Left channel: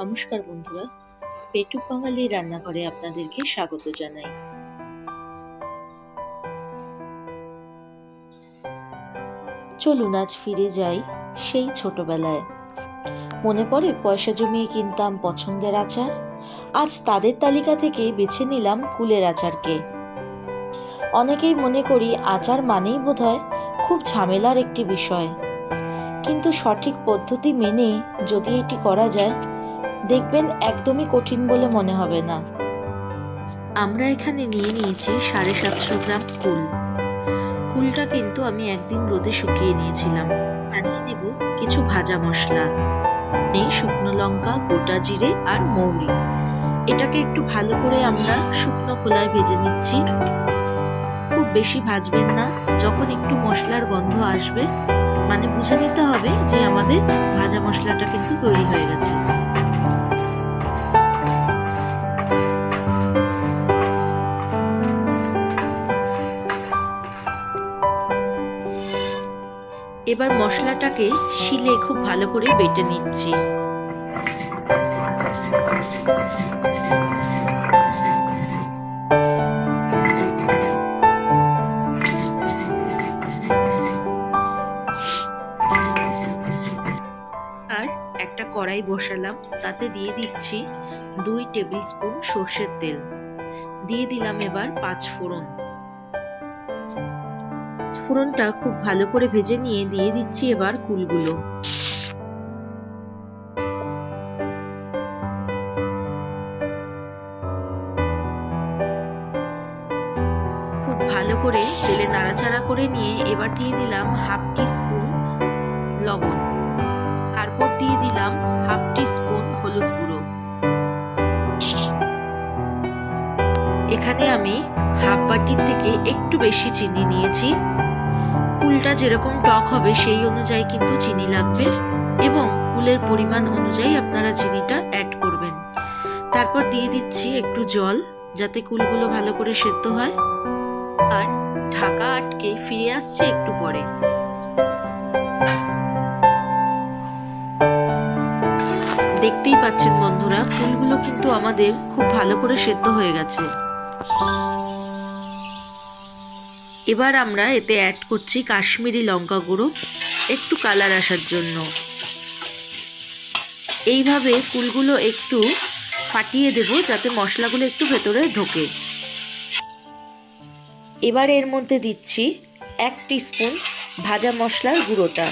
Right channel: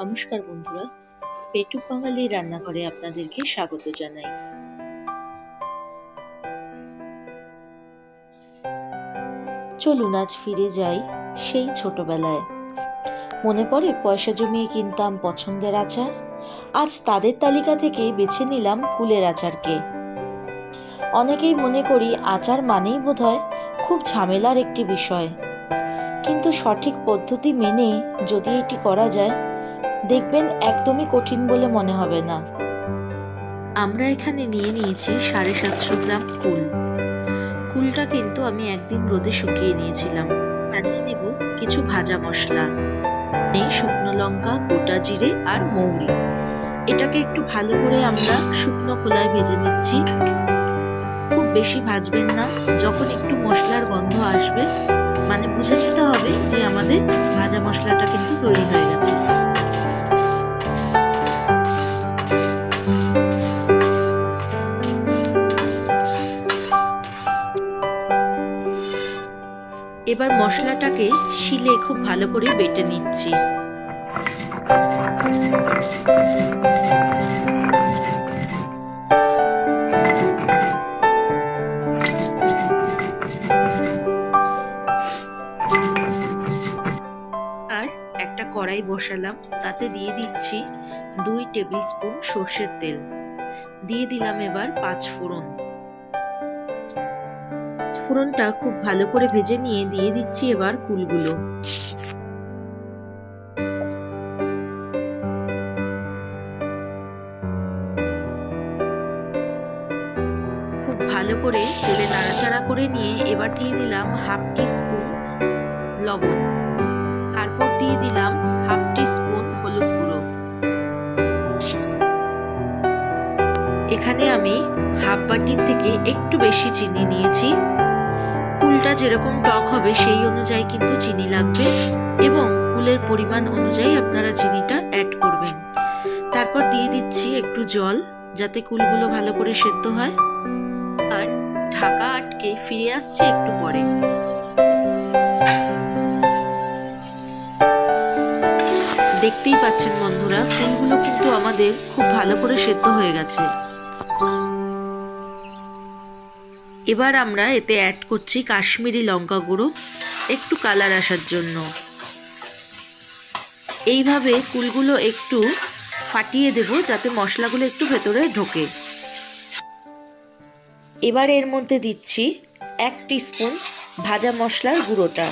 নমস্কার বন্ধুরা, পেটুক বাঙালি রান্নাঘরে আপনাদেরকে স্বাগত জানাই। চলুন আজ ফিরে যাই সেই ছোটবেলায়। মনে পড়ে পয়সা জমিয়ে কিনতাম পছন্দের আচার। আজ তাদের তালিকা থেকে বেছে নিলাম কুলের আচারকে। অনেকেই মনে করি আচার মানেই বোধহয় খুব ঝামেলার একটি বিষয়, কিন্তু সঠিক পদ্ধতি মেনে যদি এটি করা যায় দেখবেন একদমই কঠিন বলে মনে হবে না। আমরা এখানে নিয়ে নিয়েছি 750 গ্রাম কুল। কুলটা কিন্তু আমি একদিন রোদে শুকিয়ে নিয়েছিলাম। বানিয়ে নেব কিছু ভাজা মশলা, শুকনো লঙ্কা, গোটা জিরে আর মৌরি। এটাকে একটু ভালো করে আমরা শুকনো খোলায় ভেজে নিচ্ছি। খুব বেশি ভাজবেন না, যখন একটু মশলার গন্ধ আসবে মানে বুঝে নিতে হবে যে আমাদের ভাজা মশলাটা কিন্তু তৈরি হয়ে গেছে। এবার মশলাটাকে শিলে খুব ভালো করে বেটে নিচ্ছি। আর একটা কড়াই বসালাম, তাতে দিয়ে দিচ্ছি 2 টেবিল স্পুন সর্ষের তেল। দিয়ে দিলাম এবার 5 ফোড়ন। ফোড়নটা খুব ভালো করে ভেজে নিয়ে দিয়ে দিচ্ছি এবার কুলগুলো। খুব ভালো করে তেলে নাড়াচাড়া করে নিয়ে এবার দিয়ে দিলাম হাফ টিস্পুন লবণ। তারপর দিয়ে দিলাম হাফ টিস্পুন হলুদ গুঁড়ো। এখানে আমি হাফ বাটির থেকে একটু বেশি চিনি নিয়েছি। কুলটা যেরকম টক হবে সেই অনুযায়ী কিন্তু চিনি লাগবে, এবং কুলের পরিমাণ অনুযায়ী আপনারা চিনিটা অ্যাড করবেন। তারপর দিয়ে দিচ্ছি একটু জল, যাতে কুলগুলো ভালো করে সেদ্ধ হয়। আর ঢাকা আটকে ফিরে আসছে একটু পরে। দেখতেই পাচ্ছেন বন্ধুরা, কুলগুলো কিন্তু আমাদের খুব ভালো করে সেদ্ধ হয়ে গেছে। এবার আমরা এতে অ্যাড করছি কাশ্মীরি লঙ্কা গুঁড়ো, একটু কালার আসার জন্য। এইভাবে কুলগুলো একটু ফাটিয়ে দেব যাতে মশলাগুলো একটু ভেতরে ঢোকে। এবার এর মধ্যে দিচ্ছি 1 টিস্পুন ভাজা মশলার গুঁড়োটা।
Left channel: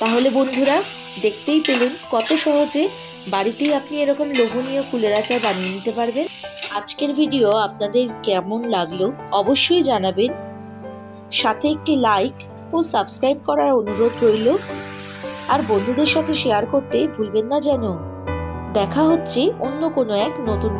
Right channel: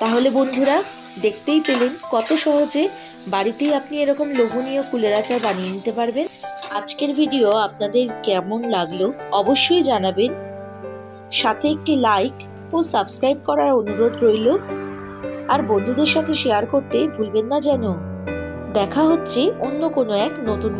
তাহলে বন্ধুরা দেখতেই পেলেন কত সহজে বাড়িতেই আপনি এরকম লোভনীয় কুলের আচার বানিয়ে নিতে পারবেন। আজকের ভিডিও আপনাদের কেমন লাগলো অবশ্যই জানাবেন। সাথে একটি লাইক ও সাবস্ক্রাইব করার অনুরোধ রইল। আর বন্ধুদের সাথে শেয়ার করতে ভুলবেন না যেন। দেখা হচ্ছে অন্য কোনো এক নতুন